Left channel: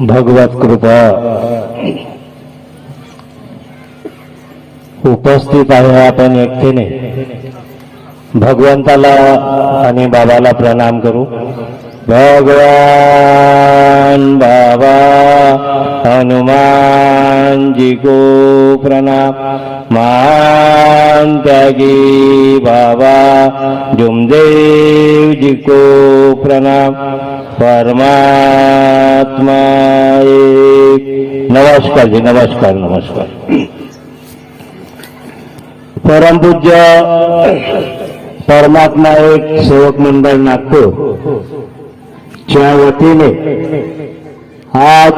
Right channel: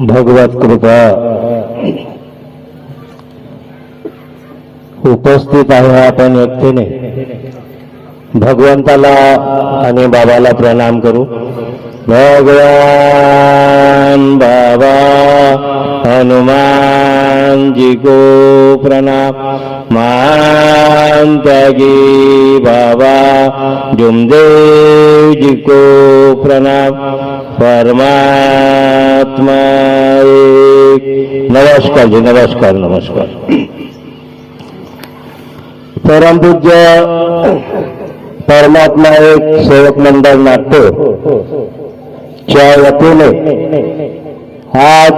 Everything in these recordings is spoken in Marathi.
भगवत कृपा. उपस्थित आहे आपण व्यक्तीने भगवंताला आणि बाबाला प्रणाम करू. भगवान बाबा हनुमान जी को प्रणाम. मान त्यागी बाबा जुमदेव जी को प्रणाम. परमात्मा नमस्कार जी नमस्कार नमस्कार. परमपूज्य परमात्मा एक सेवक मंडळ नागपूर. च्या वतीने आज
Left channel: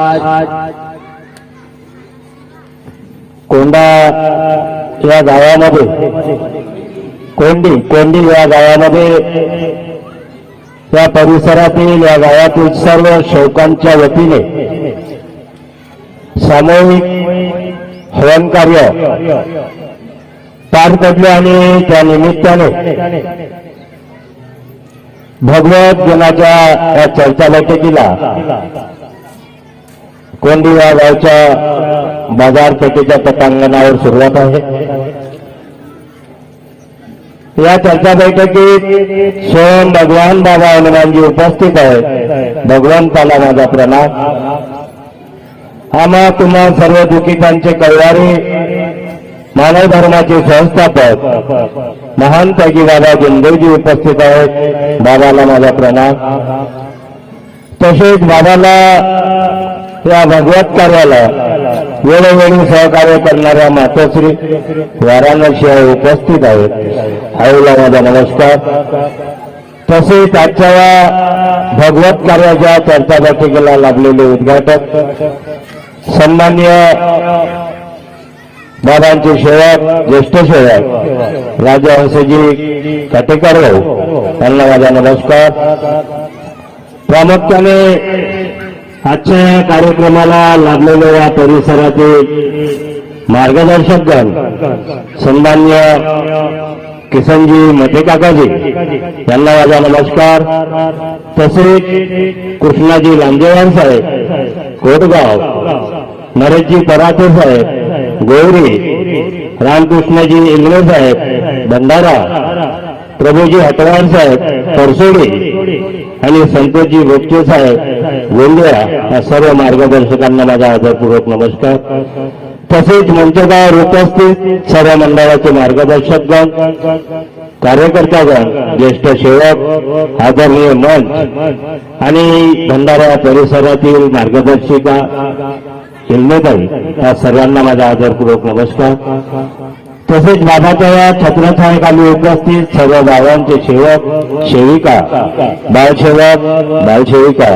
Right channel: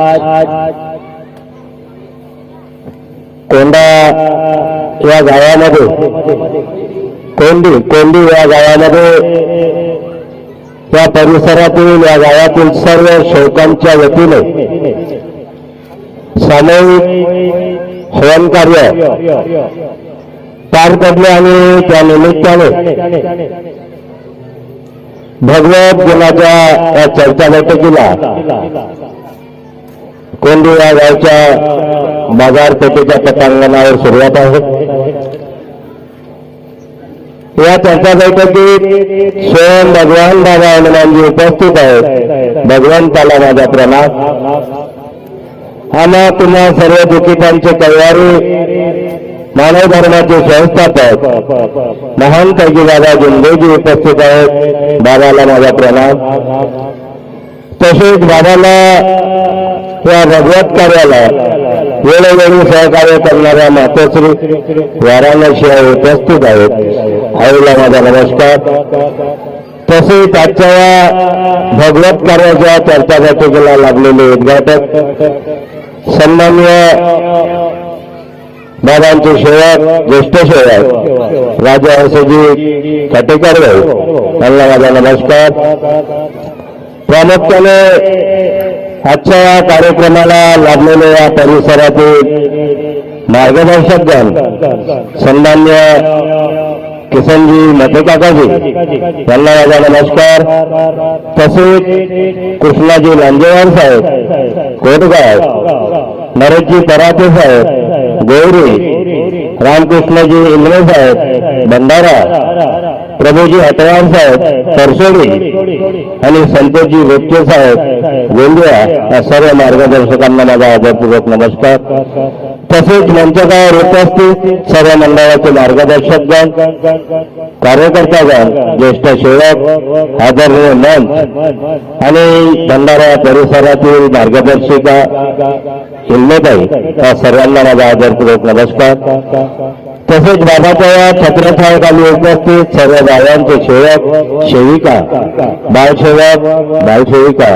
कोंडा या गावामध्ये कोंडी कोंडी या गावामध्ये त्या परिसरातील या गावातील सर्व शेवकांच्या वतीने सामूहिक हवन कार्य पार पडले आणि त्या निमित्ताने भगवत गुणाच्या या चर्चा बैठकीला कोंडी या गावच्या बाजारपेठेच्या पटांगणावर सुरुवात आहे. या चर्चा बैठकीत स्वयं भगवान दादा हनुमानजी उपस्थित आहेत. भगवंताला माझा प्रणाम. आम्हा तुम्हा सर्व दुखितांचे कल्याणी मानव धर्माचे संस्थापक महान पैकी दादा जिंदेजी उपस्थित आहेत. बाबाला माझा प्रणाम. तसेच बाबाला या भगवत कार्याला वेळोवेळी सहकार्य करणाऱ्या मातोश्री वाराणसी उपस्थित आहेत. आईला माझा नमस्कार. तसेच आजच्या या भगवत कार्याच्या चर्चा बैठकीला लागलेले उद्घाटक. सन्मान्य बाबांचे सेवक ज्येष्ठ सेवक राजा काटेकर भाऊ त्यांना माझा नमस्कार. प्रामुख्याने आजच्या या कार्यक्रमाला लागलेल्या या परिसरातील मार्गदर्शकगण सन्मान्य किसनजी मते काकाजी यांना माझा नमस्कार. तसेच कृष्णाजी लांजेवार साहेब कोटगाव नरेशजी पराते साहेब गौरी रामकृष्णजी इंगळे साहेब भंडारा प्रभूजी हटवार साहेब परसोडी आणि संतोषजी रोपचे साहेब गोंदिया या सर्व मार्गदर्शकांना माझा आदरपूर्वक नमस्कार. तसेच म्हणजे मंचकावर उपस्थित सर्व मंडळाचे मार्गदर्शकगण कार्यकर्तागण ज्येष्ठ सेवक आदरणीय हो मंच आणि भंडारा परिसरातील मार्गदर्शिका हिल्मेताई या सर्वांना माझा आदरपूर्वक नमस्कार. तसेच बाबाच्या या छत्रछायाखाली उपस्थित सर्व बाबांचे सेवक सेविका बालसेवक बालसेविका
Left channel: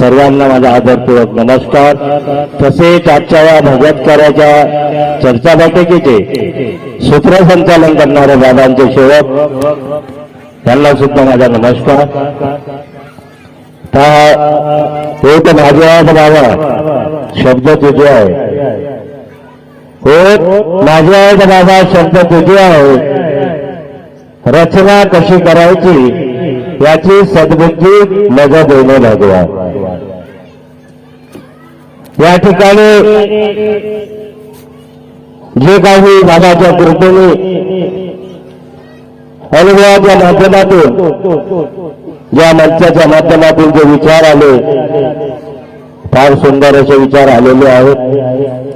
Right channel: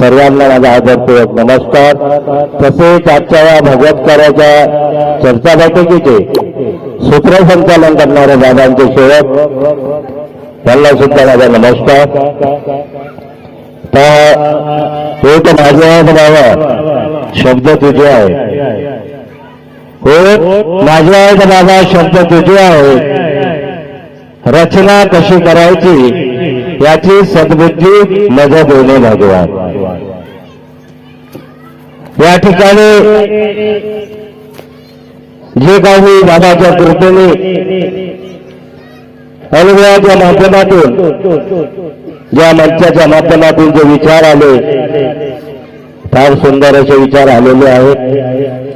सर्वांना माझा आदरपूर्वक नमस्कार. तसेच आजच्या या भगवत कार्याच्या चर्चा बैठकीचे सूत्रसंचालन करणारे बाबांचे सेवक त्यांना सुद्धा माझा नमस्कार. पहा, एक माझे बाबा शब्द तुझे आहे. एक माझे आहेत बाबा शब्द तुझे आहे. रचना कशी करायची याची सद्बुद्धी मजा देणे भगवान या ठिकाणी जे काही बाबाच्या कृपेने अनुभवाच्या माध्यमातून ज्या मंचाच्या माध्यमातून जे विचार आले फार सुंदर असे विचार आलेले आहेत.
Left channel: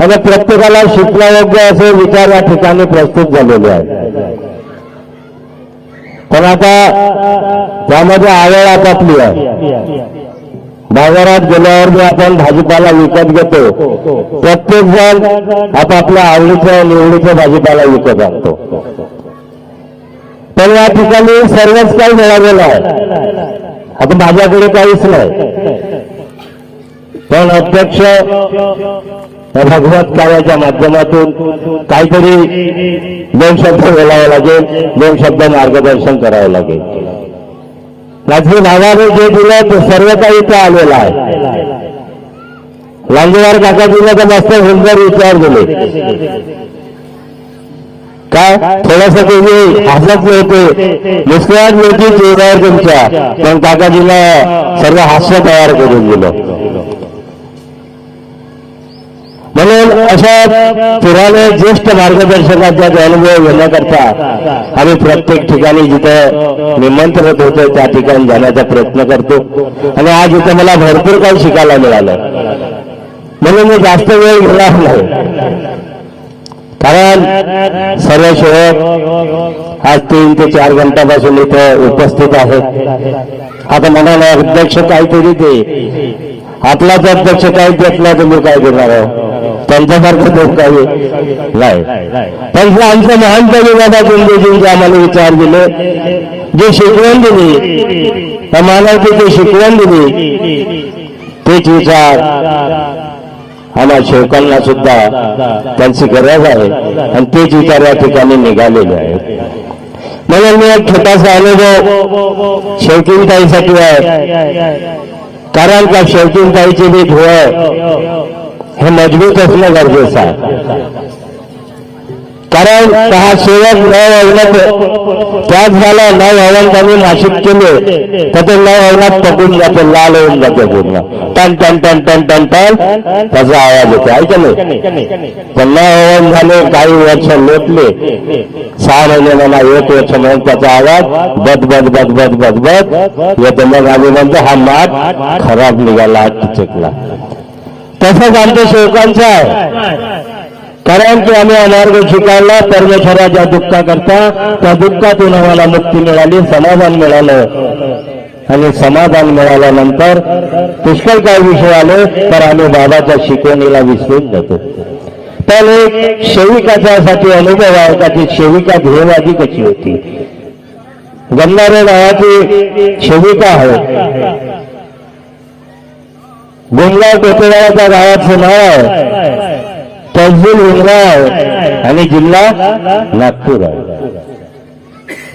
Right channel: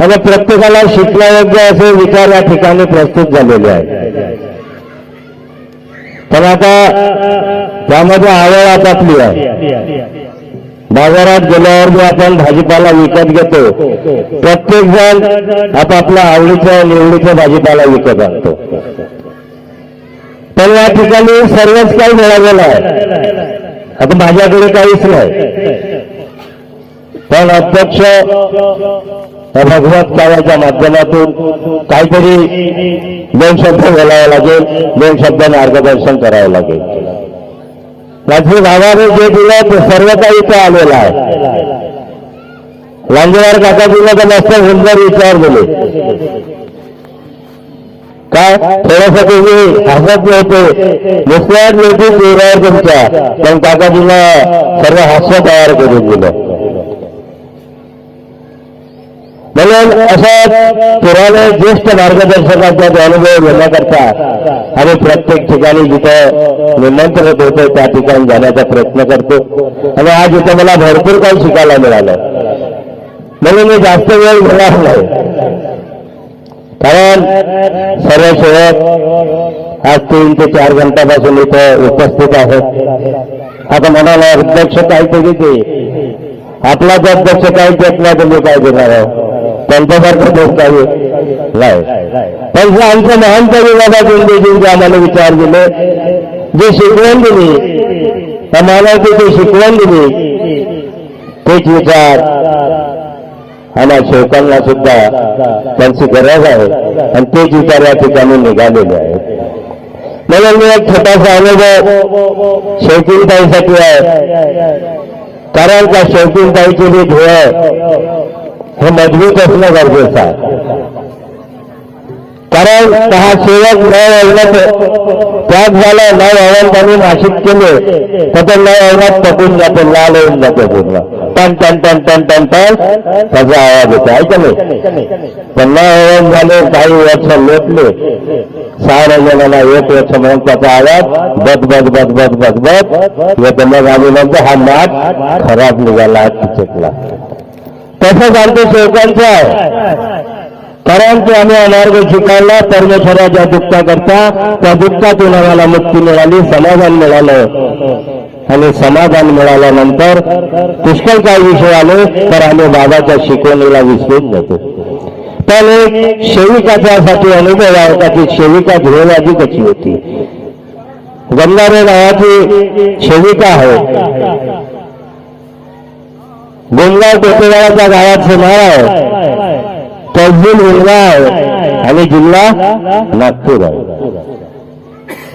आणि प्रत्येकाला शिकण्यायोग्य असे विचार या ठिकाणी प्रस्तुत झालेले आहेत. पण आता त्यामध्ये आवड आपापली आहे. बाजारात गेल्यावर जे आपण भाजीपाला विकत घेतो. प्रत्येक जण आपापल्या आवडीचा निवडीचा भाजीपाला विकत आणतो. पण या ठिकाणी सर्वच काही मिळालेलं आहे. आता माझ्याकडे काहीच नाही. पण अध्यक्ष या भगवत कार्याच्या माध्यमातून काहीतरी दोन शब्द बोलावं लागेल दोन शब्द मार्गदर्शन करावं लागेल. माझी नावाने जे दिलं ते सर्व काही इथे आलेलं आहे. लांजेवार काकाजीने तर जास्त होमगार विचार दिले. का? थोडासा तुम्ही हसत नव्हते. निष्णात नव्हती चेहऱ्यावर तुमच्या. पण काकाजीला सर्व हास्य तयार करून दिलं. म्हणून अशा पुराणे ज्येष्ठ मार्गदर्शकांचा अनुभव घेण्याकरता आम्ही प्रत्येक ठिकाणी जिथं निमंत्रण देतो त्या ठिकाणी जाण्याचा प्रयत्न करतो. आणि आज इथं मला भरपूर काही शिकायला मिळालं. म्हणून मी जास्त वेळ घेणार नाही. कारण सर्व शेवट आज तीन ते चार घंटापासून इथं उपस्थित आहेत. आता मनाला अध्यक्ष काहीतरी दे. आपलाच अध्यक्ष काही देत नाही तुम्ही काय देणार आहे त्यांच्यासारखं देत काही नाही. पण जे आमचे महान गुंडेजींचे आम्हाला विचार दिले. जे शिकवण दिली आम्हाला ते शिकवण दिली तेच विचार आम्हा शेवकांना सुद्धा त्यांची गरज आहे. आणि तेच विचार या ठिकाणी निघालेले आहेत. म्हणून मी एक छोटासा अनुभव शेवकीनताईसाठी आहे. कारण का शेवकीनताईची बी धुळ हे मजबूत असणं गरजेचं आहे. कारण हा सेवक न ऐकत त्याच झाला न ऐवण त्यांनी नाशिक केले तर ते न ऐवणात पकडून जाते लाल होऊन जाते पूर्ण. टन टन टन टन टन टन त्याचा आवाज येतो. आहे नाही पण न ऐवण झाले काही वर्ष लोटले. सहा जणांना एक वर्ष म्हणून त्याचा आवाज बद बद बद बद बद बद. येतो मग आल्यानंतर हा मात खराब निघाला चिचकला तसंच आमच्या सेवकांचं आहे. कारण की आम्ही अमार्ग शिकायला परमेश्वराच्या ज्या करता त्या दुःखातून आम्हाला मुक्ती मिळाली समाधान मिळालं. आणि समाधान मिळाल्यानंतर पुष्कळ काही विषय आले तर आम्ही बाबाच्या शिकवणीला विसरून जातो. पण एक सेविकाच्यासाठी अनुभव आहे का ती सेविका ध्येयवादी कशी होती? गंगारे नावाची सेविका आहे. गोंगाव टेकेवाड्याच्या गावाचं नाव आहे. तहसील हिंगणा आहे आणि जिल्हा नागपूर आहे.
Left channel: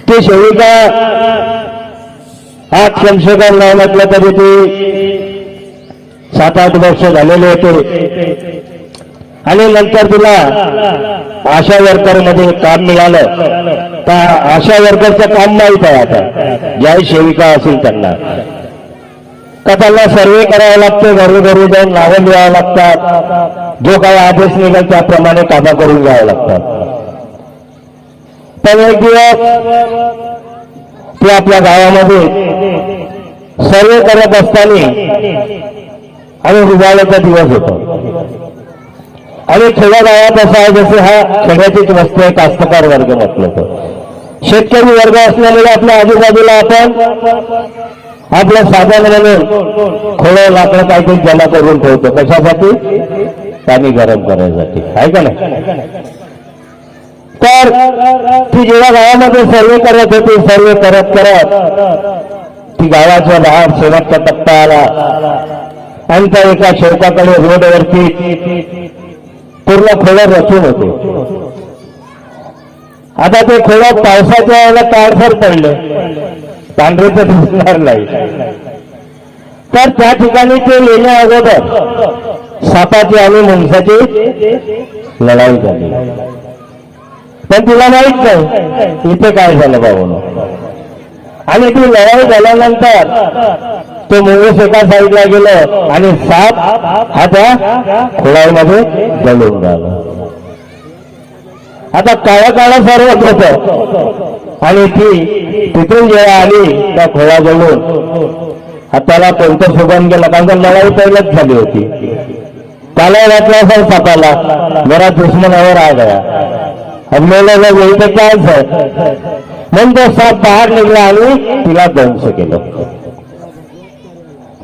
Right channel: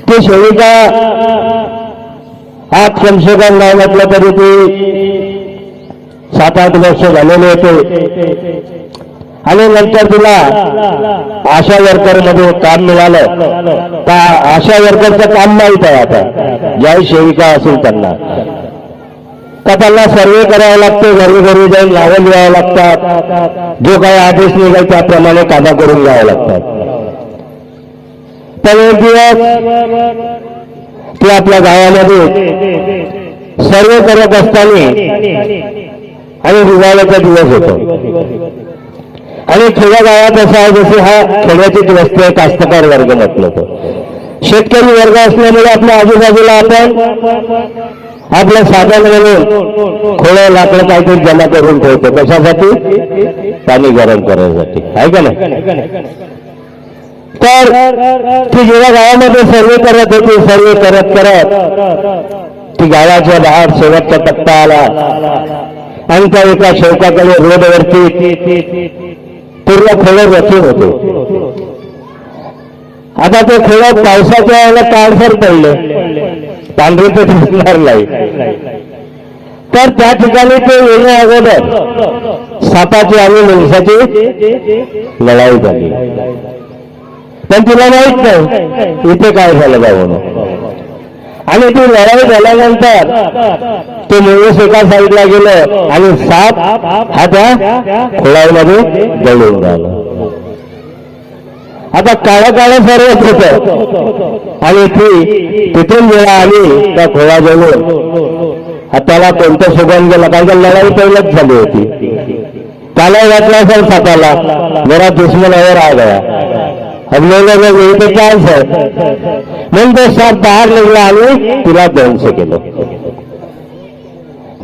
ती सेविका आज कमसे नाव नाही म्हटलं तरी ती सात आठ वर्ष झालेले होते. आणि नंतर तिला आशा वर्करमध्ये काम मिळालं. तर आशा वर्करचं काम माहीत आहे आता. ज्याही सेविका असेल त्यांना. का त्यांना सर्वे करावा लागतो घरोघरी जाऊन नावं लिहावं लागतात. जो काही आदेश निघाल त्याप्रमाणे कामं करून घ्यावं लागतात. पण एक दिवस ते आपल्या गावामध्ये सर्वे करत असताना आणि रुग्णालयाचा दिवस होतो. आणि खेड्या गावात असं आहे जसे हा खेड्याचीच वस्ती आहे कास्तकार वर्ग म्हटलं तर. शेतकरी वर्ग असल्यामुळे आपल्या आजूबाजूला आपण आपल्या साधन म्हणून थोडं लाकडं काहीतरी जमा करून ठेवतो. कशासाठी? पाणी गरम करायसाठी. काय का नाही? तर ती जेव्हा गावामध्ये सर्वे करत होती सर्वे करत करत ती गावाच्या बाहेर शेवटचा टप्पा आला. आणि त्या एका शेवकाकडे रोडवरती पूर्ण खेळ रचून होते. आता ते खेळात पावसाच्या याला काळसर पडलं. पांढरे तर दिसणार नाही. तर त्या ठिकाणी ते येण्या अगोदर सापाची आणि माणसाची लढाई झाली. पण तिला माहीत नाही इथे काय झालं बाबा आणि ती लढाई झाल्यानंतर ते निवडूस एका साईडला गेलं आणि साप हा त्या खोळामध्ये जळून राहिला आता काळं काळं सर्वच होत. आणि ती तिथून जेव्हा आली त्या खोळाजवळून त्याला कोणतं शोधून गेला? कारण का लढाई पहिलंच झाली होती. त्याला वाटलं असेल सापाला. जरा दुश्मनावर आ गया अब मेरे लोग यही पे चान्स है म्हणून साप बाहेर निघला आणि तिला दंश केलं.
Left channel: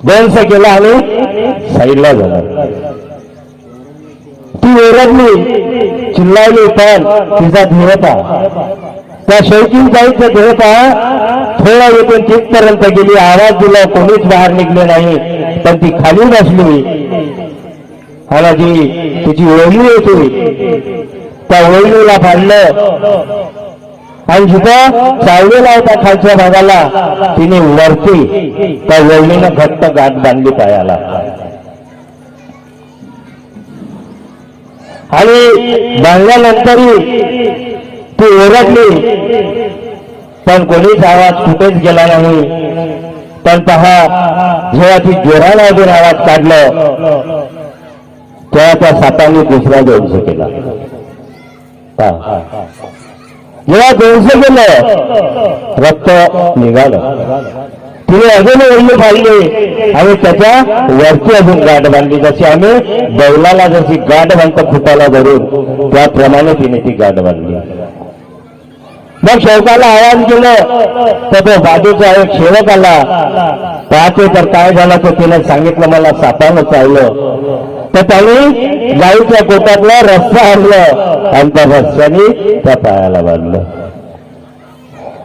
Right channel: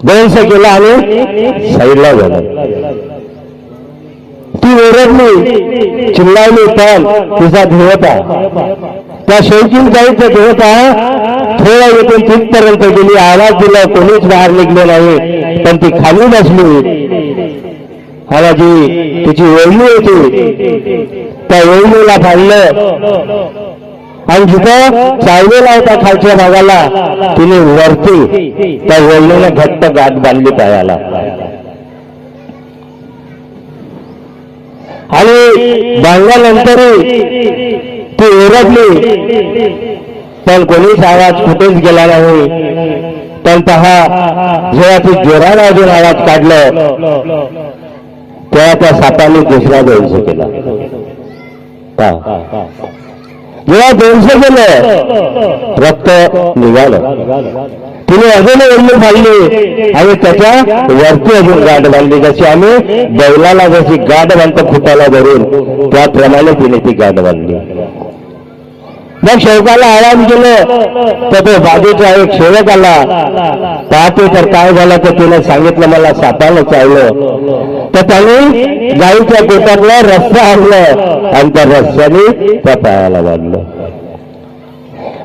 दंश केलं आणि साईडला झालं ती ओरडली चिल्लावली पण तिचा आहे त्या शौकीन जायचं ध्येयता थोडा येथून तिथपर्यंत गेली. आवाज दिला कोणीच बाहेर निघले नाही. पण ती खाली बसली. मला जी तिची ओळी होती. त्या ओळीला फाडलं. आणि जिथं चाललेला आहे त्या खालच्या भागाला तिने वरती त्या वळणीनं घट्ट गाठ बांधली पायाला. आणि बांधल्यानंतरही ती ओरडली पण कोणीच आवाज कुठेच गेला नाही. पण पहा जेव्हा ती जोरानं अजून आवाज काढलं. तेव्हा त्या सापाने दुसरा दंश केला. जेव्हा दोनशे केलं रक्त निघालं. तिने अजून ओढणी फाडली. आणि त्याच्या वरती अजून गाठ बांधली. जशी आम्ही बैलाला जशी गाठ बांधतो खुटाला धरून त्याप्रमाणे तिने ती गाठ बांधली. मग शेवकाला आवाज गेलं तर तो बाजूचा एक सेवक आला पाहते तर काय झालं तर तिने सांगितलं मला सापानं चावलं तर त्याने गाईच्या पोटातला रस्ता आणलं आणि त्या रस्त्याने त्या पायाला बांधलं।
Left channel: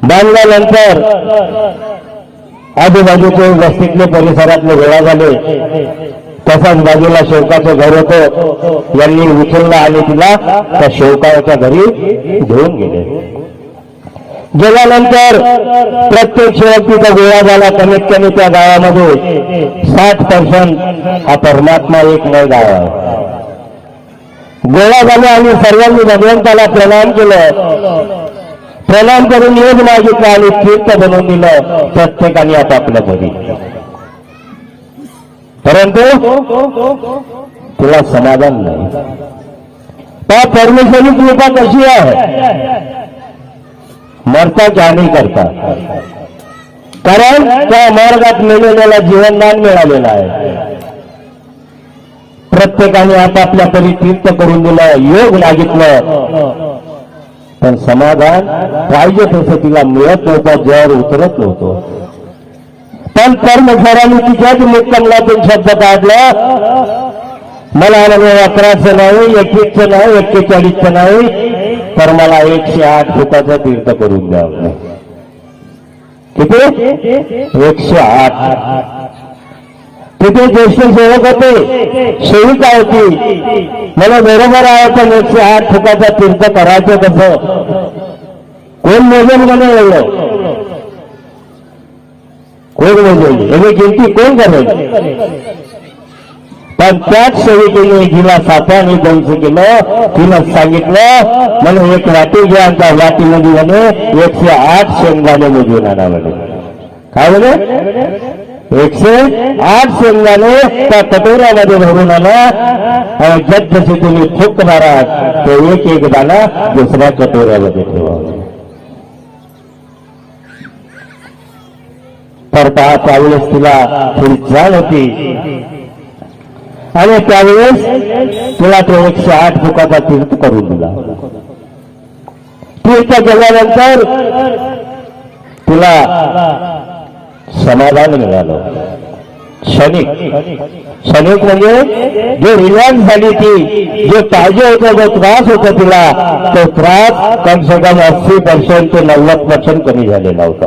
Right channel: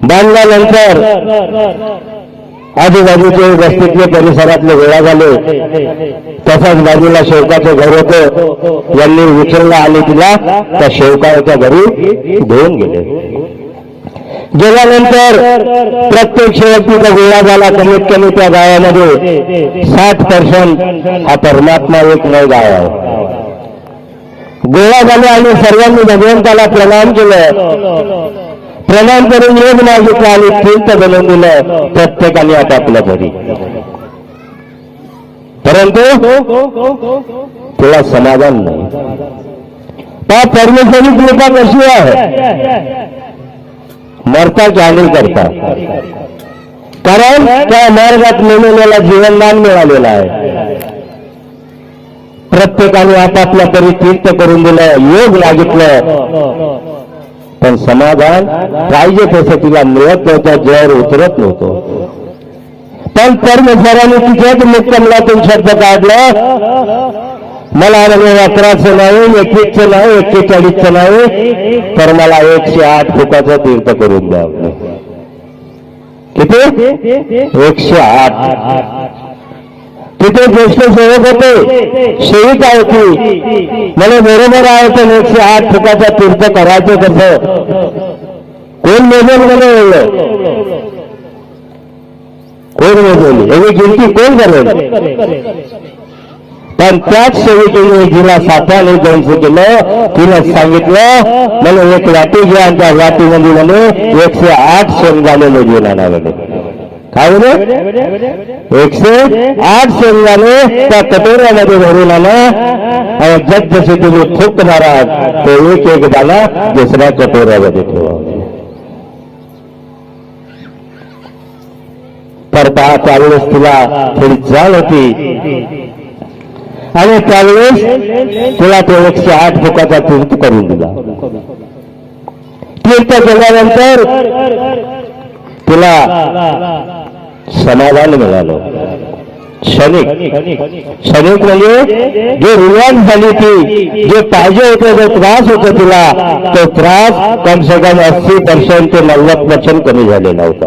बांधल्यानंतर आजूबाजूचे वस्तीतले परिसरातले गोळा झाले। तसाच बाजूला शेवकाचं घर होतं। यांनी उचललं आणि तिला त्या शेवकाच्या घरी घेऊन गेले। गेल्यानंतर प्रत्येक शेवटीचा गोळा झाला कमीत कमी त्या गावामध्ये साठ पर्सेंट हा परमात्मा एक नाही गाव आहे. गोळा झाले आणि सर्वांनी भगवंताला प्रणाम केलं. प्रणाम करून योग मागितला आणि तीर्थ बनवून दिलं प्रत्येकाने आपापल्या घरी. परंतु तुला समाधान नाही. त्या परमेश्वरी कृपा कशी आहे? मरता जाणी करता कारण त्या मार्गात नेलेल्याला जीवनदान मिळालेलं आहे. प्रत्येकाने आपापल्या तरी तीर्थ करून दिलं योग मागितलं पण समाधान पाहिजे तसं तिला मिळत नव्हतं जर उतरत नव्हतं. पण कर्मचाऱ्यांनी तिच्याच मुक्कमलातून शब्द काढला मला म्हणजे अकराचं नाही एकवीसचं नाही एक्केचाळीसचं नाही. तर मला एकशे आठ फुटाचं तीर्थ करून द्या. किती? एकशे आठ. तिथे ज्येष्ठ सेवक होते? सेविका होती मला बरोबर आहे तर एकशे आठ फुटाचा तीर्थ करायचं कसं? कोण मोजेल मला बोललं कोण मोजेल? एवढी गिनती कोण करेल? पण त्याच सेविकेने जिला सापाने दंश केलं तिला सांगितलं मला एक वाटी घ्या आणि त्या वाटीमध्ये म्हणे एकशे आठ शेंगदाणे मोजून आणा म्हणे. काय म्हणे? एकशे आठ शेंगदाणे त्या कटोऱ्यामध्ये भरून आला जग जसे तुम्ही फुक मारात तो एक एक दाना दुसऱ्या कटोऱ्यामध्ये ठेवा तर पहा त्यावेळेस तिला थोडी जाण होती. आणि त्यावेळेस तुला तो एकशे आठ फुटाचा तीर्थ करून दिला. तीर्थ केल्यानंतर तुला समाधान मिळालं. क्षणिक. क्षणिक म्हणजे जे रिलॅक्स झाली ती जे पाहिजे होतं जो त्रास होता तिला तो त्रास कम से कम अस्सी पर्सेंट ते नव्वद पर्सेंट कमी झालेला होता.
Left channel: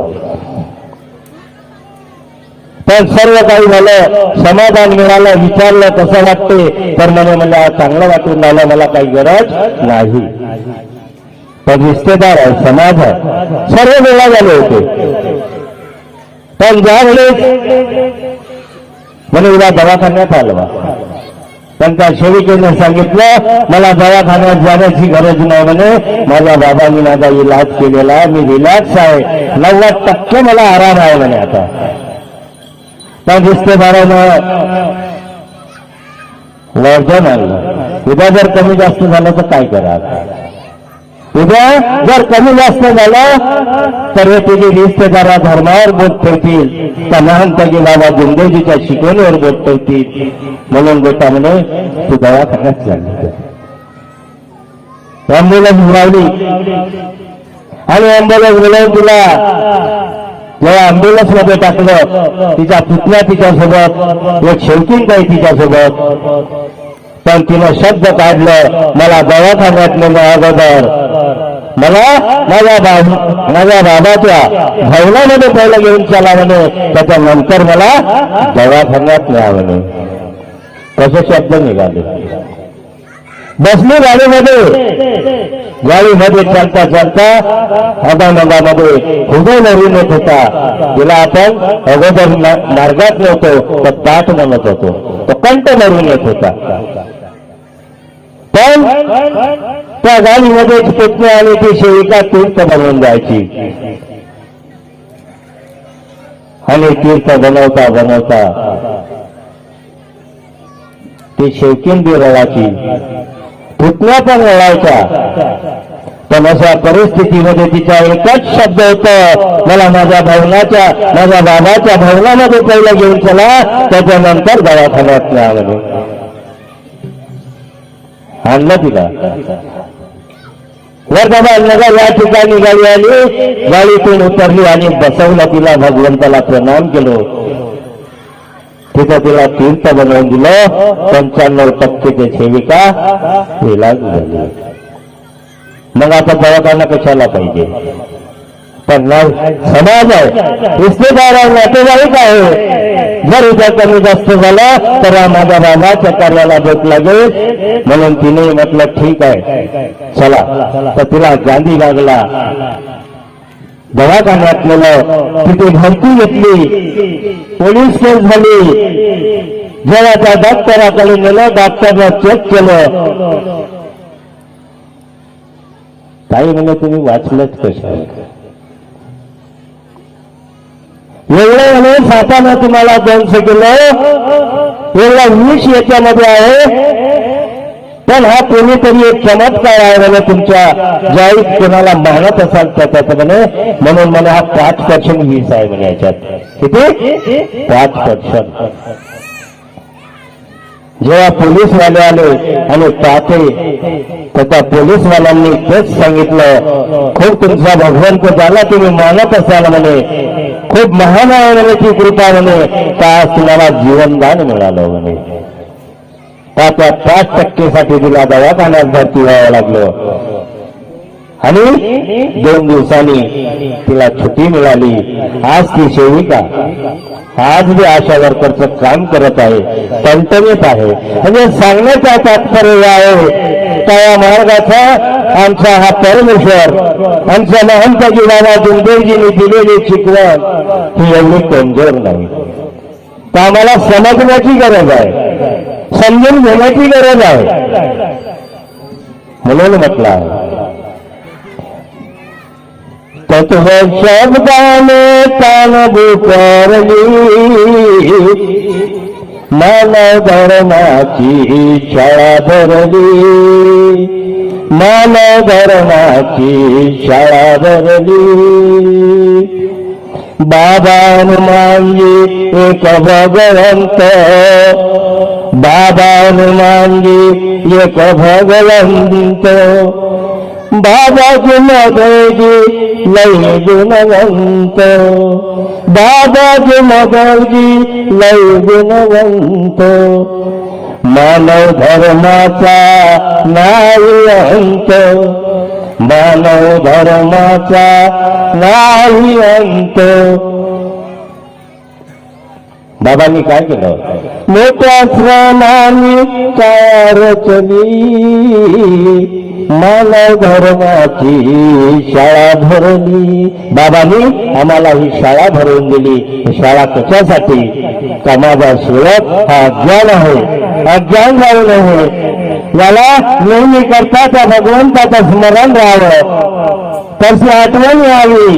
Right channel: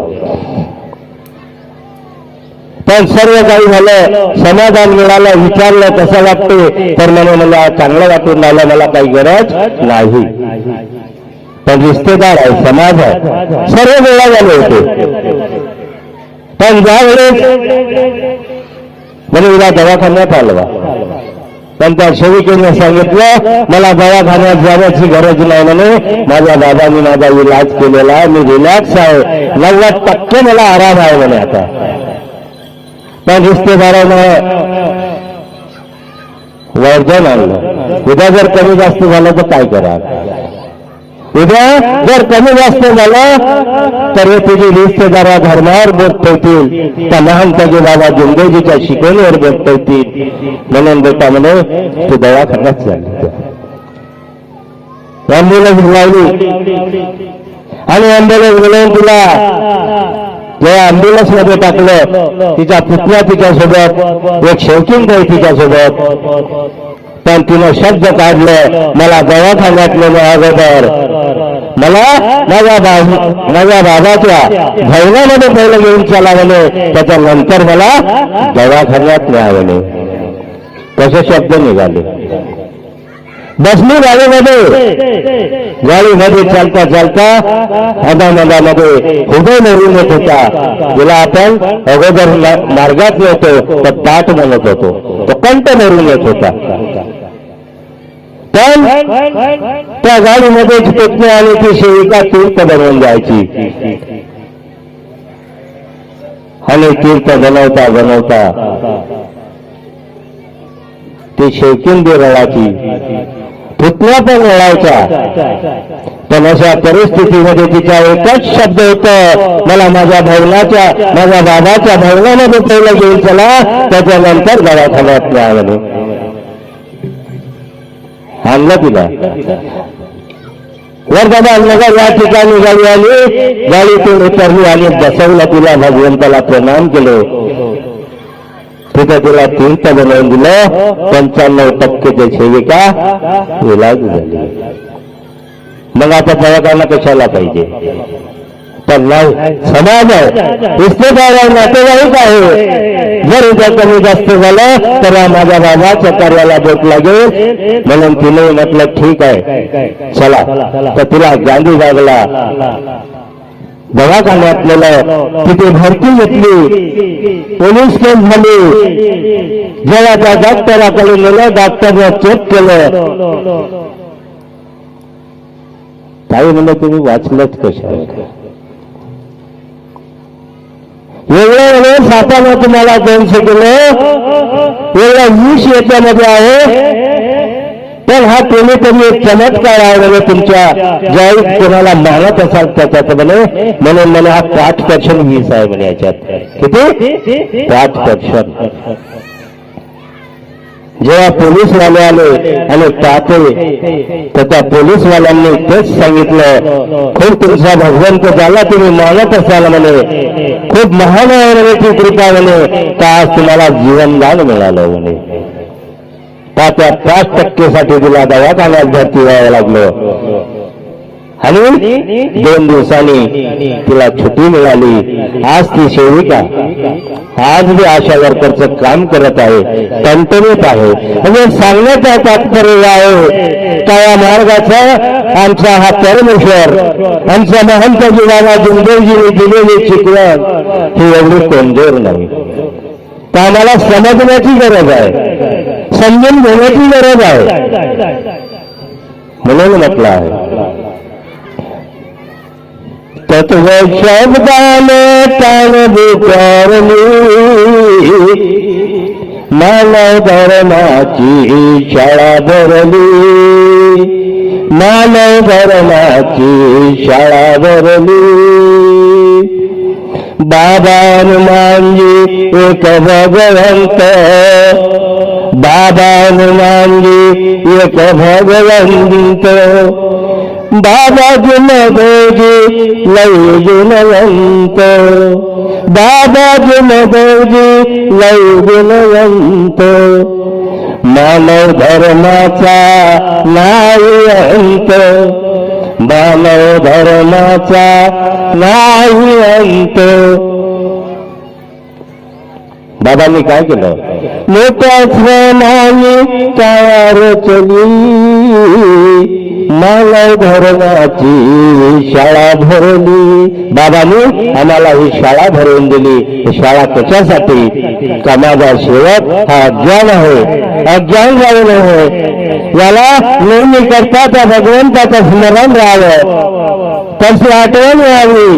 पण सर्व काही झालं समाधान मिळालं विचारलं कसं वाटते? तर म्हणे मला चांगलं वाटून राहिलं मला काही गरज नाही. पण रिश्तेदार आहे समाज आहे. सर्व वेळा झाले होते. पण ज्यावेळेस म्हणजे उद्या दवाखान्यात आलं पण त्या सेविकेने सांगितलं मला दवाखान्यात जाण्याची गरज नाही म्हणे. माझ्या दादाने माझा इलाज केलेला मी रिलॅक्स आहे. नव्वद टक्के मला आराम आहे म्हणे आता. रिश्तेदारानं वर्धन आणलं उद्या जर कमी जास्त झालं तर काय करा उद्या जर कमी जास्त झालं तर हे तुझे रिश्तेदारा धर्मावर बोट ठेवतील त्या लहानपणी बाबा जिंदगीच्या शिकवणीवर बोट ठेवतील म्हणून बेटा म्हणे तू दवाखान्यात झाली अँब्युलन्स लावली. आणि अँब्युलन्स मिळवून तुला जेव्हा अँब्युलन्समध्ये टाकलं. तिचा पुतण्या तिच्यासोबत एक शौकीन काही तिच्यासोबत. पण तिनं शब्द काढलं मला दवाखान्यात नेलं अगोदर. मला? माझ्या बा- माझ्या बाबाच्या भैलामध्ये पहिलं घेऊन चला म्हणे. त्याच्यानंतर मला दवाखान्यात न्या म्हणे. तसे शब्द निघाले. बसली गाडीमध्ये. गाडीमध्ये चालता चालता मधामधामध्ये उभे मरून येत होता. तिला आपण अगोदर मार्गात येतो तर पाठ म्हणत होतो. तो कंठ मरून येत होता. पण त्या गाडीमध्ये पत्नी आणि ती सेविका तीर्थ बनवून जायची आणि तीर्थ बनवता बनवता ती शेवकिंदी रळाची फुटण्या पण रळायच्या पण अशा परिस्थितीमध्ये तिचा एकच शब्द होत मला माझ्या भवनाच्या माझ्या बाबाच्या भवनामध्ये पहिलं घेऊन चला त्याच्यानंतर दवाखान्यात न्या आणलं तिला. वर्धमान या ठिकाणी गाडी आली गाडीतून उतरली आणि बसवलं तिला. भगवंताला प्रणाम केलं. तिथं तिला तीर्थ बनवून दिलं पंच्याण्णव टक्के सेविका इलाज झाली मग आता दवाखाना कशाला पाहिजे तर नाही समाज आहे रिश्तेदार आहे नातेवाईक आहे जर उद्या कमी जास्त झालं तर या माझ्या बाबाच्या कार्याला बोट लागेल म्हणून तिने म्हटलं ठीक आहे चला तर तिला गांधी लागला नेलं तिथे भरती घेतली. पोलीस केस झाली. जेव्हा त्या डॉक्टराकडे नेलं डॉक्टरनं चेक केलं. ताई म्हणलं तुम्ही वाचलंच कशा एवढे म्हणे सातानं तुम्हाला दोनशे किलो एवढं वीस याच्यामध्ये आहे. पण हा कोणीतरी एक चमत्कार आहे म्हणे तुमच्या. ज्यावेळी कोणाला मानत असाल त्याच्यात म्हणे म्हणून म्हणे हा पाच पर्सेंट वीस आहे म्हणे याच्यात. किती? पाच पर्सेंट जेव्हा पोलीसवाले आले आणि पाहते तर त्या पोलीसवाल्यांनी तेच सांगितलं खूप तुमचा भगवंत झाला तुम्ही मानत असाल म्हणे खूप महान आहे म्हणे ती कृपा म्हणे तर आज तुम्हाला जीवनदान मिळालं म्हणे. त्या पाच टक्केसाठी तिला दवाखान्यात भरती व्हावं लागलं. आणि दोन दिवसांनी तिला छुट्टी मिळाली. आज ती सेविका. आज मी आशा वर्करचं काम करत आहे. टणटणीत आहे. म्हणजे सांगण्याचा तात्पर्य आहे का या मार्गाचा आमचा हा परमेश्वर आमच्या महंत जीवाला जुंदेजीने दिलेली शिकवण ही एवढी कमजोर नाही. तर आम्हाला समजण्याची गरज आहे. समजून घेण्याची गरज आहे. म्हणून म्हटलं आहे. तत्व शब्दाने तान विचारली मानव धर्माची शाळा भरली. मानव धर्माची शाळा भरली. बाबान मांगी एक भगवंत. बाबान एक भगवंत. बाबाजी मदोजी लय गुणवंत. बाबाजी मदोजी लय गुणवंत. मानव धर्माचा नाही अंत. मानव धर्माचा नाही अंत. बाबांनी काय केलं? मोठ्या श्रमाने कार चली. मला धर्माची शाळा भरली. बाबांनी आम्हाला ही शाळा भरवून दिली. ही शाळा कशासाठी? का माझा हा अज्ञान आहे. अज्ञान जाऊ आहे याला नेहमी करता त्या भगवंताचं स्मरण राहावं. त्यांची आठवण मिळावी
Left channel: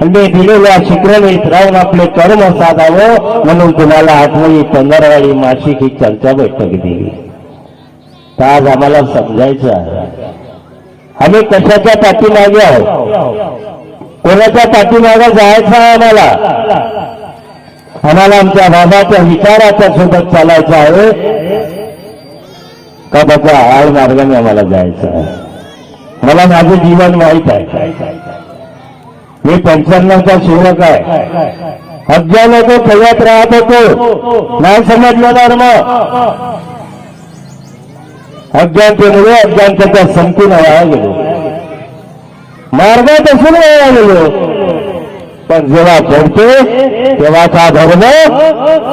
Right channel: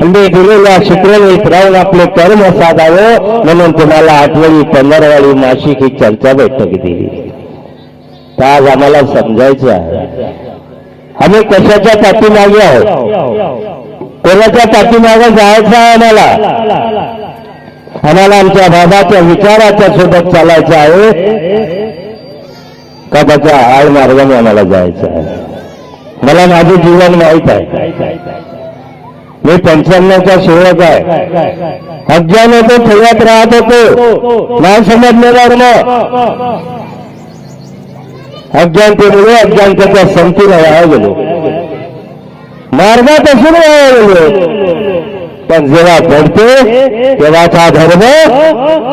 म्हणजे दिलेल्या शुक्रवीत राहून आपले कर्म साधावं म्हणून तुम्हाला आठवणी पंधरवाडी नाशिक ही चर्चा बैठक दिली तर आज आम्हाला समजायचं आहे आम्ही कशाच्या पाठीमागे आहोत कोणाच्या पाठीमागे जायचं आहे आम्हाला आम्हाला आमच्या बाबाच्या विचाराच्या सोबत चालायचं आहे का त्याच्या आड मार्गाने आम्हाला जायचं आहे मला माझे जीवन माहीत आहे. मी पंच्याण्णवचा सेवक आहे. अज्ञान होतो ठेवत राहत होतो. नाही समजणार ना. अज्ञानतेमुळे म्हणजे अज्ञानतेचा संपूर्ण वाया गेलो मार्गात असून वाया गेलो पण जेव्हा घडते तेव्हा हा धर्म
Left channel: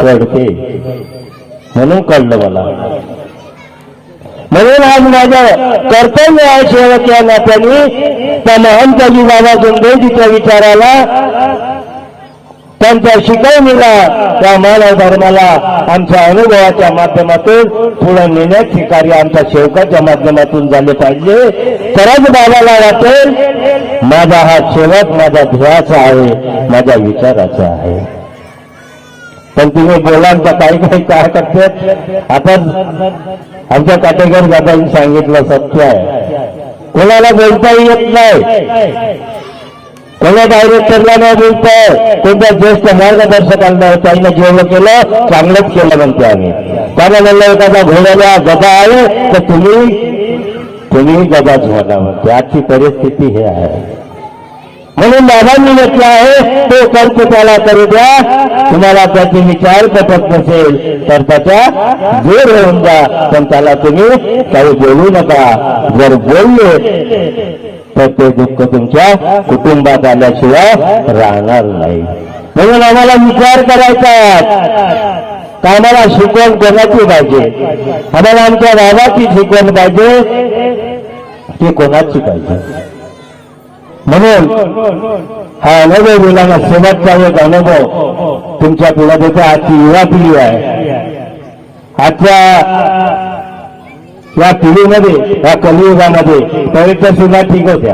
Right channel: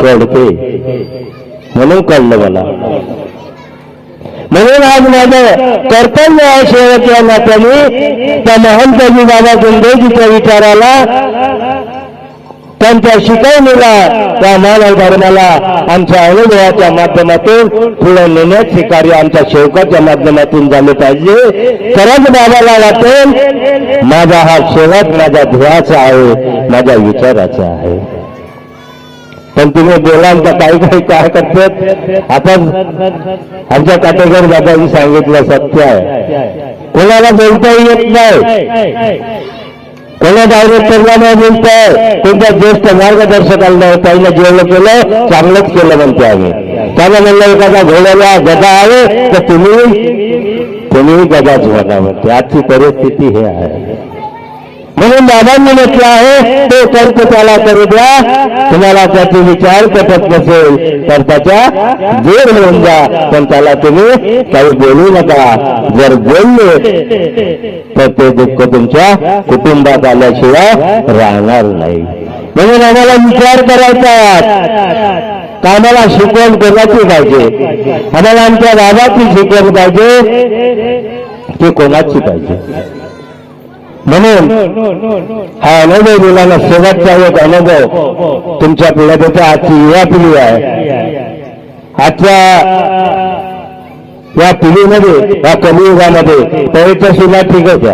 घडते म्हणून कळलं मला. म्हणून आज माझं कर्तव्य आहे सेवक या नात्याने त्या महंतजी बाबा गुंडेजीच्या विचाराला त्यांच्या शिकवणीला त्या मानव धर्माला आमच्या अनुभवाच्या माध्यमातून पुढे नेण्याचे कार्य आमच्या शेवकाच्या माध्यमातून झाले पाहिजे तरच बाबाला वाटेल माझा हा शेवट माझ्या ध्येयाचा आहे माझ्या विचाराचा आहे पण तुम्ही बोला तर काही काही काय आता आमच्या काटेकर दादांनी सांगितलं सत्य आहे. कोणाला बोलता येत नाही. कोणा डायरेक्टरला नाही बोलताय. त्यांच्या ज्येष्ठ मार्गदर्शकांना त्यांना जेवढं केलं चांगलंच केलं म्हणते आम्ही. त्याला म्हणलं एखादा घोड्याला गदा आहे तर तुम्ही तुम्ही गदाच घाला म्हणते. आजची परिस्थिती हे आहे. म्हणून दादांनी म्हटलं आहे ते कर्त त्याला करू द्या. तुम्हाला त्याचे विचार पटत नसेल तर त्याच्या जे होऊन जा. पण त्याला तुम्ही काही बोलू नका. जर बोलले तर ते दुःख तुमच्या कुटुंबात आल्याशिवाय राहणार नाही. म्हणून आम्हाला विचार करायचा आहे. कामाला शिकवण कोणाची पाहिजे? आम्हाला आमच्या बाबाची शिकवण पाहिजे ते कोणाची पाहिजे? म्हणून हा अनुभव मुलाला सोबतचा एक अनुभव तुमच्या पिढ्याचा आजची युवा पिढी आहे. आजच्या या पिढीमध्ये या कलियुगामध्ये पहिल्या सुद्धा ठीक होत्या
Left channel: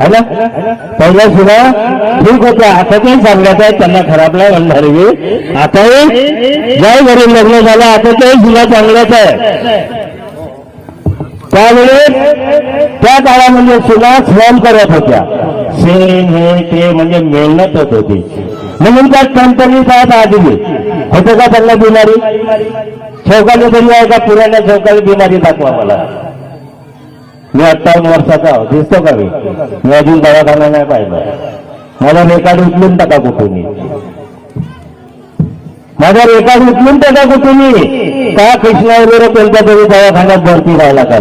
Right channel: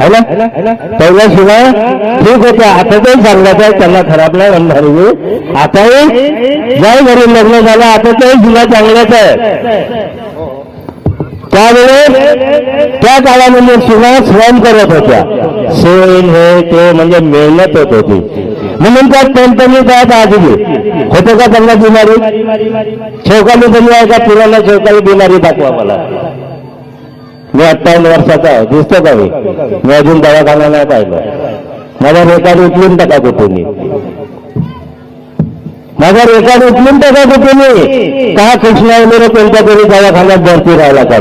है ना? पहिल्या सुद्धा ठीक होत्या आता काही सांगायचं आहे त्यांना खराबला रंधार आता जय घरून लग्न झालं आता काही सुद्धा चांगल्याच आहे. त्यावेळेस त्या काळामध्ये सुना श्रम करत होत्या. सेम हे ते म्हणजे मेहनत होत होती. म्हणून त्या कंपनी जात आजली होतं का त्यांना बिमारी? शेवकाली बरी आहे का? पुराला शेवकाली बिमारी दाखवा मला. मी अठ्ठावन्न वर्षाचा आहे. दिसतं का मी? अजून दवाखाना नाही पाहिलं. मला रेकॉर्ड उचलून टाका तो तुम्ही माझा रेकॉर्ड उचलून टाका तो तुम्ही? का कृष्णा वगैरे कोणत्या तरी दवाखान्यात भरती राहायला का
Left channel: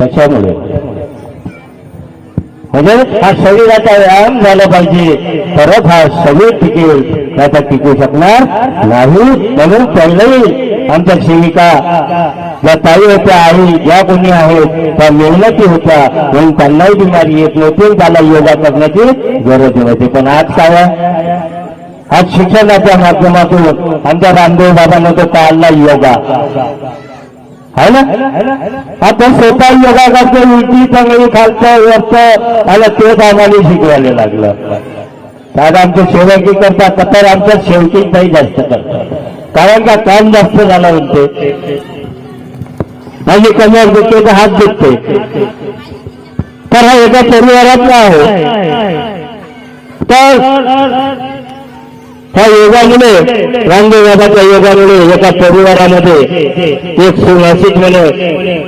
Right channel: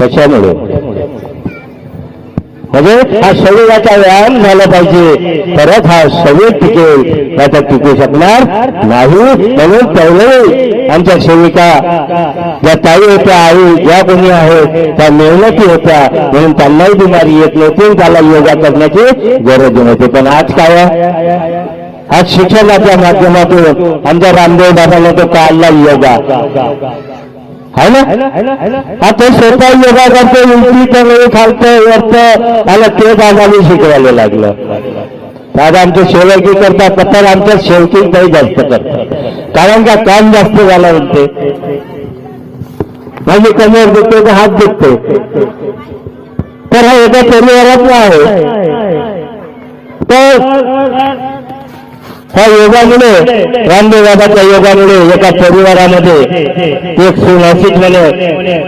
कशामुळे? म्हणजे हा शरीराचा व्यायाम झाला पाहिजे. परत हा शरीर टिकेल. त्याचा टिकू शकणार नाही. म्हणून पहिलंही आमच्या सेविका ज्या ताई होत्या आई ज्या कोणी आहेत त्या मेहनती होत्या. म्हणून त्यांनाही बिमारी येत नव्हती त्याला योगा करण्याची गरज नव्हती. पण आज काय आहे? आज शिक्षणाच्या माध्यमातून आमच्या रामदेव बाबांना तो काढला योगा. है ना? आता स्वतः योगा करते उलटी चांगली खालतं वरतं आला ते बाबाने शिकवायला लागलं. दादा आमच्या शेवकी करता पत्र आमच्या शेवटी काही जास्त करतात. कारण का काम जास्त झालं म्हणते. माझी कमर दुखते का हात दुखतो. तर हा एका परिवारातला आहे. तर हा योगामुळे रामदेव बाबाच्या योगामुळे एका परिवारामध्ये एक सुनाशिक म्हणून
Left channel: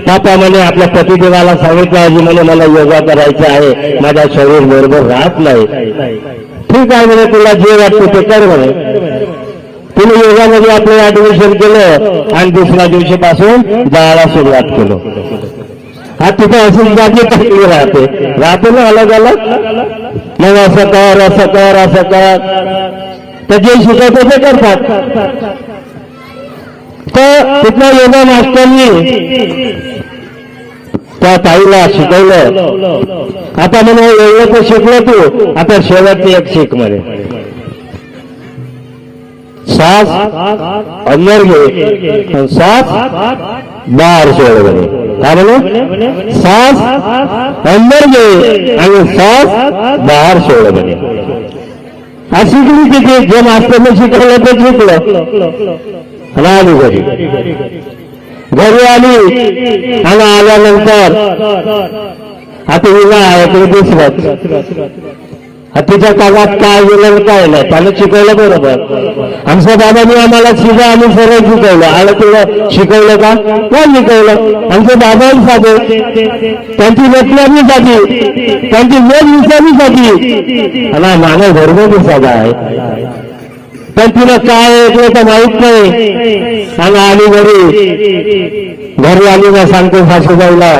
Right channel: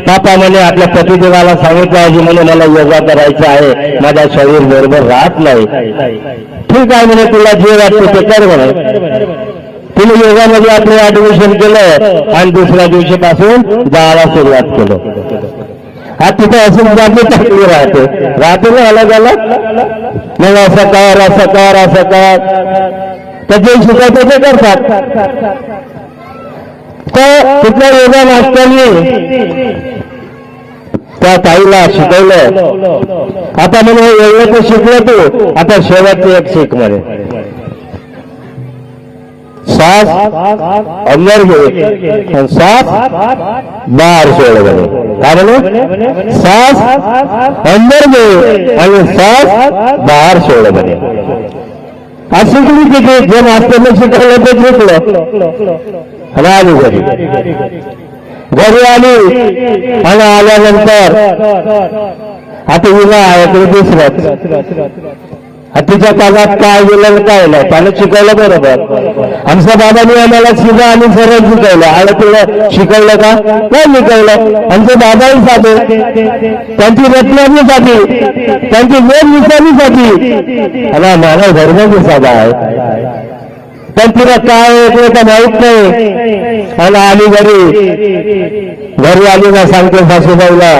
पापा म्हणे आपल्या पतिदेवाला सांगितलं आहे म्हणे मला योगा करायचा आहे. माझा शरीर बरोबर राहत नाही. ठीक आहे म्हणे तुला जे वाटतं ते कर म्हणे. तिने योगामध्ये आपलं ऍडमिशन केलं आणि दुसऱ्या दिवशीपासून जायला सुरुवात केलं. हा तिथे असून जागी टाकली राहते. राहते ना अलग अलग नाही असं कर असं कर असं कर. तर जे शिकवते ते करतात. तर तिथल्या योगा मास्टरनी त्या ताईला शिकवलं. आता म्हणे एवढं तर शिकलो तू आता शेवटचं एक शिक म्हणे. सास अंदर घे आणि सास बाहेर सोड म्हणे. काय म्हणे? सास अंदर घे आणि सास बाहेर सोड म्हणे. आज तिथे जे मास्टरने शिकवलं ते शिकलं. आणि आली घरी. घरी आली आणि आल्यानंतर आता विवाह आहे दिसलं. तिच्या कामात काय गेलं काय नाही. त्यानं शिकवलं बरोबर. आमच्या बाबांनी आम्हाला शिका आणि सरळ शिकवलं. आणि तुला शिकवलं का? नाही शिकवलं. आमचे बाबाही साधे. त्यांची रचनाही साधी. त्यांची वेग विचारली साधी. आणि मानव धर्म बी साधा आहे. पण तिला काय येते तर माहीत नाही. आणि आली घरी. घरी आली ना सांगते सासूबाईला.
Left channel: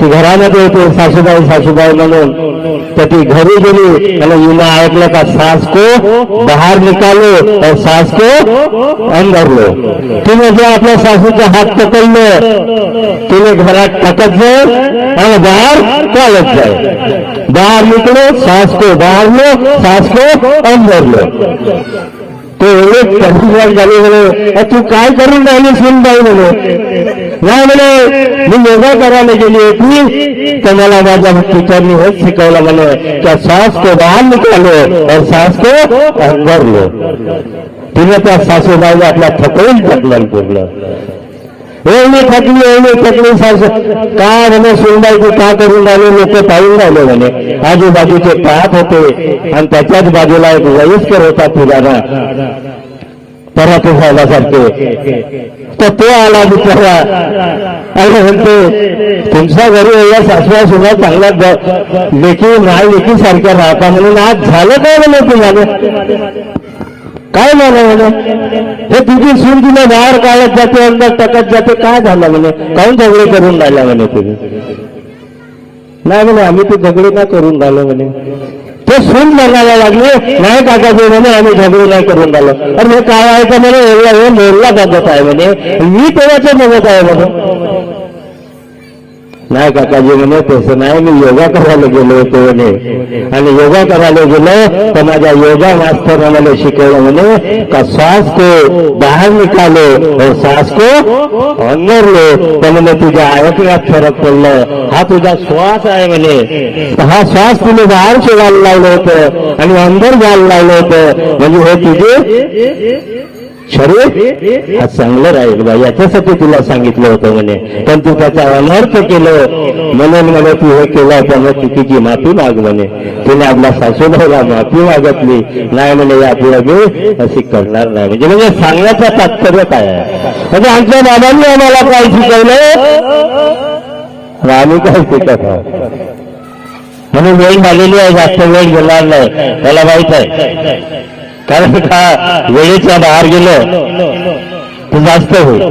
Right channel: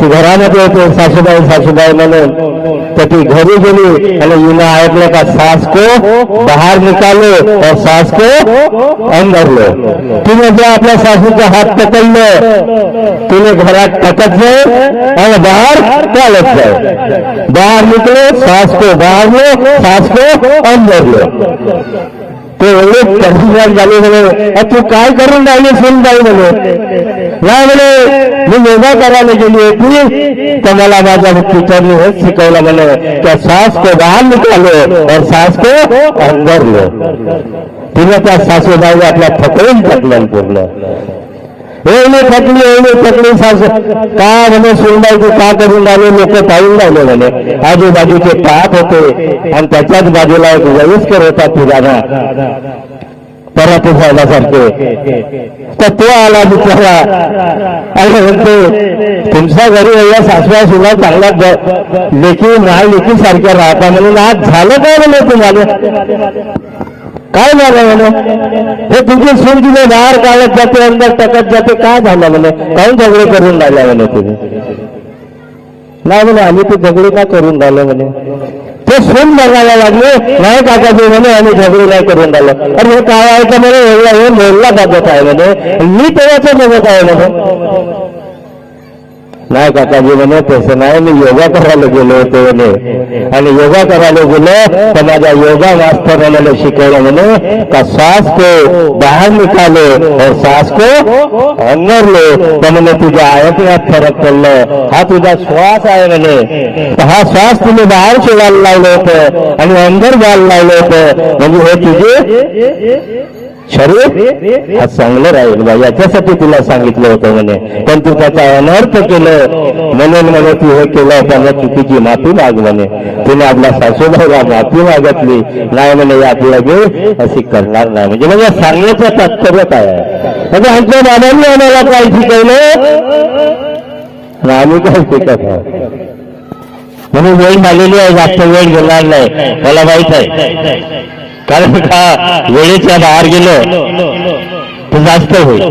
ती घरामध्ये होते सासूबाई सासूबाई म्हणून. तर ती घरी गेली आणि युना ऐकलं का सास को बाहेर निकालो और सास को अंदर लो तिने जो आपल्या सासूचा हात पकडलं तिने घरात पकडलं आणि बाहेर चालत जाय बाहेर निकलो सास को बाहेर लो सास को अंदर लो ते एवढे प्रतिसाद झाले म्हणे तू काय करून राहिली सुनबाई म्हणे? या म्हणे मी योगा करायला गेली होती तर मला माझ्या टीचरने हेच शिकवलं म्हणे त्या सास को बाहेर निकालो और सास को अंदर लो. तिने त्या सासूबाईला आपल्या थकवून टाकलं पूर्ण एवढी थकली एवढी थकली साज का म्हणे सुनबाई का करून राहिले लोक पाहून राहिले म्हणे. आजूबाजूचे पाहत होते. आणि त्याच्याच बाजूला एक वयस्कर होता पुराणा परत सारखे तर तो आला बिचारा. आणि म्हणतो तुमच्या घरी एवढ्या सासवा सुद्धा चांगल्या लेखी माळ लेखी सारख्या राहता म्हणून आज झालं काय म्हणे तुम्हाला? काय झालं म्हणे? हे तुझी सून तुला बाहेर काढत जाते अंदर टाकत जाते काय झालं म्हणे? काही झगडे करून राहिला म्हणे तुम्ही नाही म्हणे आम्ही ते झगडे का करून राहिलो म्हणे? ते सून बघायला लागले. नाही काका ते म्हणे आम्ही झगडे नाही करून राहिलो. अरे हे काय आहे का म्हणे? एवढा वेळ मोरला बघत आहे म्हणे. मी तेव्हाच बघत आहे म्हणे. नाही काकाजी म्हणे तसं नाही मी योगा करायला गेलो होतो म्हणे. आणि योगा करायला गेलो तर माझ्या योगा मास्तर मला शिकवलं म्हणे का श्वास को बाहेर निकालो और हो श्वास को अंदर लो तर म्हणे तुझ्या ऐकण्यात फरक पडलं हा तुझा श्वास आहे म्हणे. तर हा श्वास तुम्ही बाहेर सोडायला लावलं होतं आणि अंदर जायला लावलं होतं. म्हणजे हे तुझे शरीर हा चांगलं राहील बा. याच्यासाठी तिला सांगितलं होतं म्हणे. पण तू त्याचा अनर्थ केलं. म्हणून म्हणे तू हे केलं त्यानं चुकीची माफी माग म्हणे. तिने आपल्या सासूबाईला माफी मागितली. नाही म्हणे यापुढे मी अशी करणार नाही. म्हणजे म्हणजे सांगण्याचं तात्पर्य काय आहे? म्हणजे आमच्या बाबांनी आम्हाला काय शिकवलं? आम्ही काय शिकत म्हणून वेळ झालेली आहे जास्त वेळ घेणार नाही. मला माहीत आहे. कारण का वेळेच्या बाहेर गेलं जास्त होईल.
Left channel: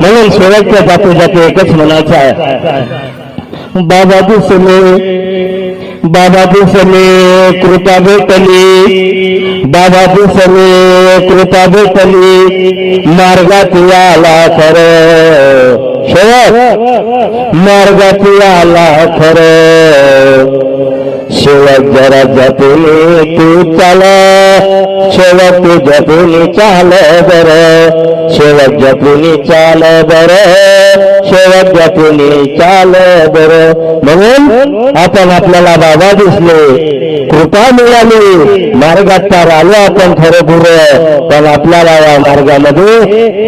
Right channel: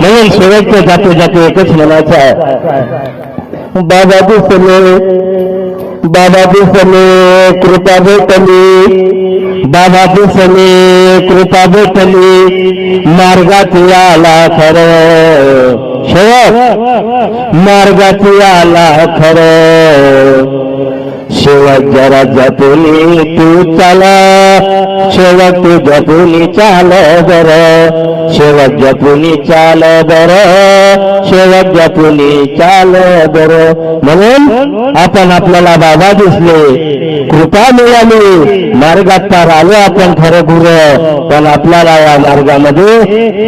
म्हणून शेवटच्या जातो जातो एकच म्हणायचं आहे. बाबा दिसले बाबा दिसले कृपा भेटली. बाबा दिसले कृपा भेटली. मार्गात आला खरं मार्गात आला खरं. शेवट जरा जपून तू चाल. शेवट तू जपून चाल बर. शेवट जपून चाल बर. शेवट जपून चाल बर. म्हणून आपण आपल्याला बाबा दिसले. कृपा मिळाली मार्गात पार आलो आपण खरं भुर पण आपल्याला या मार्गामध्ये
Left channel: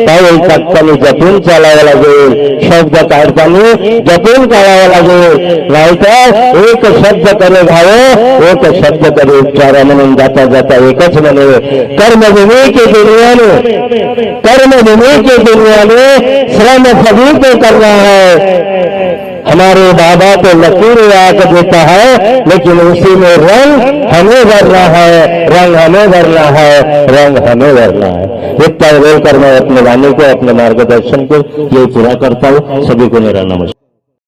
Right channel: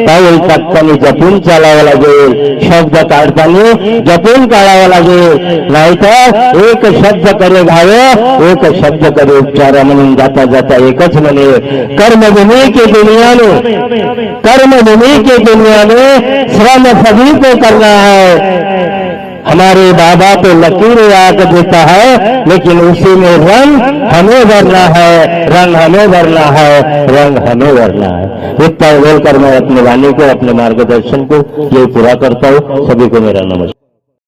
काही टक्काने जपून चालावं लागेल. शब्द काढताना जपून काढावं लागेल. नाहीतर एक शब्द करे घावं एक शब्द करे उच्चारा म्हणून जाता जाता एकच दुनिया ने कर्मभूमि की दुनिया ने श्रम सभी को करना है हमारे बाबा को लकीर राग देता है, लेकिन उसी में रंग हमें भरना है, रंग हमें भरना है, रंग हमें भरना है। इतना बोलकर मैं अपने वाणी को, अपने मार्गदर्शन को ये पूरा करता हूँ। सभी को मेरा नमस्कार।